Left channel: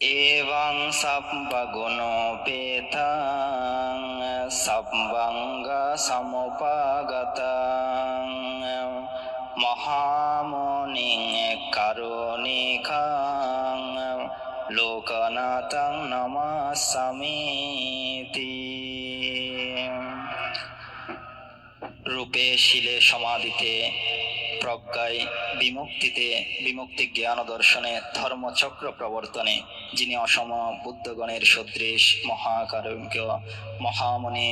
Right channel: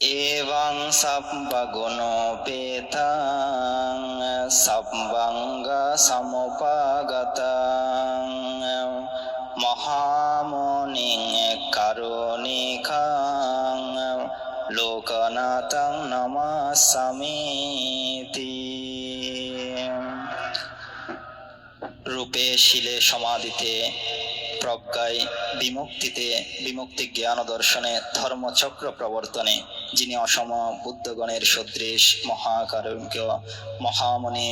এবং সব্বগুণোপেতং সব্বঙ্গ সমুপগতং মহামুনিং কারুণিকং লোকনাথং নমাস্যামিতি। রূপে শিলে সমাধিতে প্রজ্ঞায় বিমুক্তিতে বিমুক্তি জ্ঞান দর্শনে ধর্মচক্র প্রবর্তনে যিনি অসম বুদ্ধগণের সদৃশ মহাকারুণ্য মহামুনি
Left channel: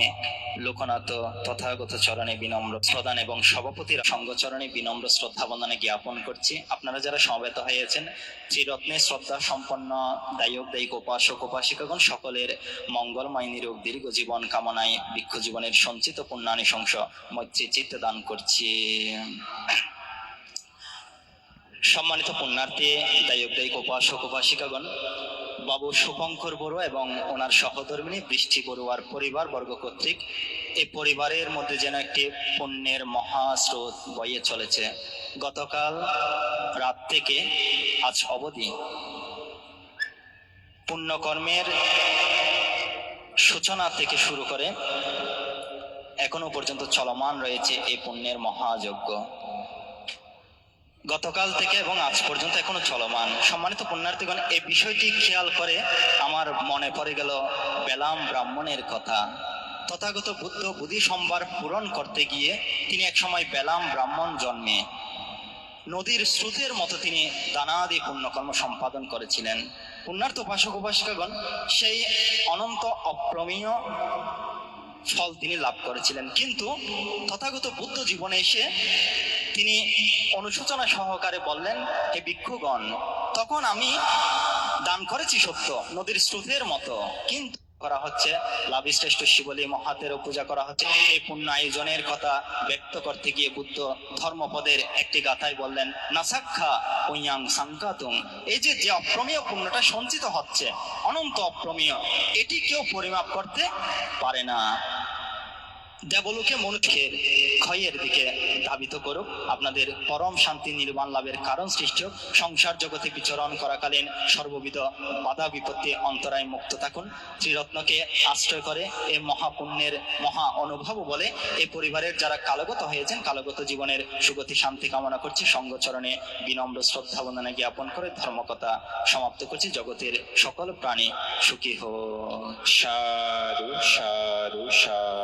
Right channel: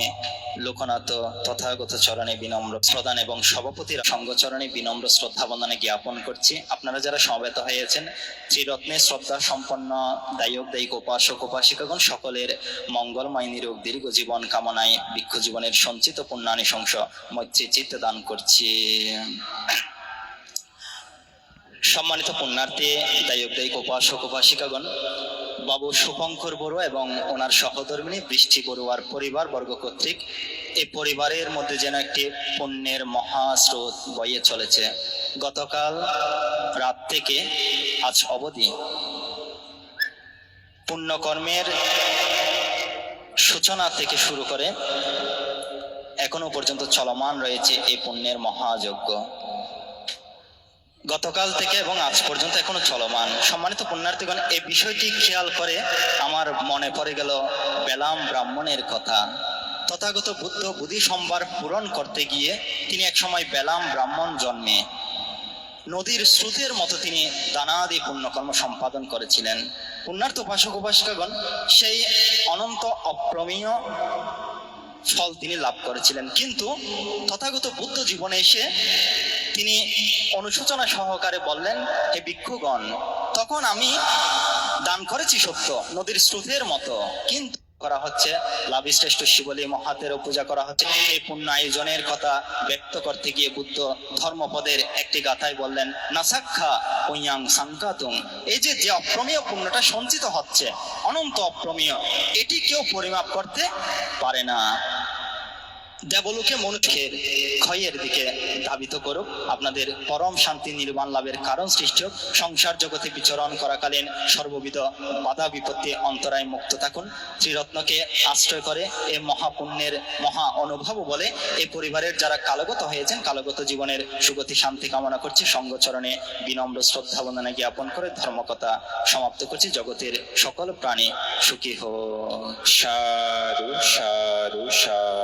লোকনাথ তথাগত চরণে বিনম্র প্রদান এবং সভাপতির সঙ্গচরণে বিনম্র শ্রদ্ধা বন্দনে জ্ঞাপন করছি। আপনারা যারা সমবেত হয়েছেন ত্রিরত্নে শ্রদ্ধা সম্পন্ন দায়ক দায়িক উপাসক উপাসিকাগণ সকলের মঙ্গলময় নিরোগ দীর্ঘ জীবন কামনায় বৃক্ষ জীবনের সঞ্চিত পুণ্যানিশংস মৈত্রী চিত্ত দান করছি। সম্মানিত পুণ্যার্থী দায়ক দায়িক উপাসক উপাসিকাগণ, বাবু শুভঙ্কর বড়ুয়া এবং ওনার সহধর্মিণী বৃষ্টি বড়ুয়ার পরিবার বর্গ কর্তৃক এই পরিবারের মধ্যে যেন একটি পুণ্যের মহাস্রোত বয়ে চলেছে। গতকাল রাত থেকে আজ অবধি পুণ্যকর্মের সূচনা থেকে শুরু করে এখনো পর্যন্ত চলমান রয়েছে এই পুণ্যের মহাযজ্ঞ। গতকাল থেকে এবং আজ পর্যন্ত এখনো চলমান। সম্মানিত পুণ্যার্থীগণ, এই বিষয়টি খেয়াল করে আমার মনে পড়ে গেল বেলাম ব্রাহ্মণের কথা। তথাগত বুদ্ধ বুদ্ধি সম্ভার পূরণ করতে গিয়ে তিনি এক সময় বেলাম ব্রাহ্মণ জন্মে নদীর স্রোতের মতো তিনি দানাদি পুণ্যকর্ম সম্পাদন করেছিলেন। পুণ্যার্থ উপাসক উপাসিকাগণ, সেই অনন্ত অপ্রমেয় ফল তিনি লাভ করেছিলেন। কিন্তু তথাগত বুদ্ধ জীবনে এসে তিনি অনুশোচনা সহকারে বললেন, হে ভিক্ষুগণ, তখন আমি দান করেছি সত্য নদীর স্রোতের মতো, কিন্তু করা হচ্ছে লাভিশ্রেষ্ঠ শিবলী মহাতেরও পূজা করা হচ্ছে। এই পুণ্য আয়োজনের কথা ব্যক্ত করতে গিয়ে বুদ্ধ ধর্মপদের একটি গাথায় বললেন, নাসাক্ষা ওয়াং সাংকাতুং, এই যে অপ্রমেয় পুণ্যটা সঞ্চিত হচ্ছে, অনন্ত অপ্রমেয়, এটি কেউ পরিমাপ করতে পারে না। দেবলোকে মনুষ্যের ক্ষয়ের দিকে ধাবিত করুক, আপনাদের পরম শান্তি নির্বাণ লাভের কারণ সৃষ্টি হোক। সংসার জগতে বিচরণ করাকালীন সর্ববিধ বাধা বিপত্তি অন্তরায় মুক্ত থাকুন। ত্রিরত্নকে আশ্রয় করে এই মহাপুণ্যের মহা অনুভব বলে এই পরিবারের যারা কালগত হয়েছেন কালগত জীবনের সুগতি শান্তি কামনা করছি। সঙ্গচরণে বিনম্র শ্রদ্ধা বন্দনা জ্ঞাপন করে ধর্মকথা সমাপ্ত করছি। জগতের সকল প্রাণী সুখী হোক। সারু সারু সারু।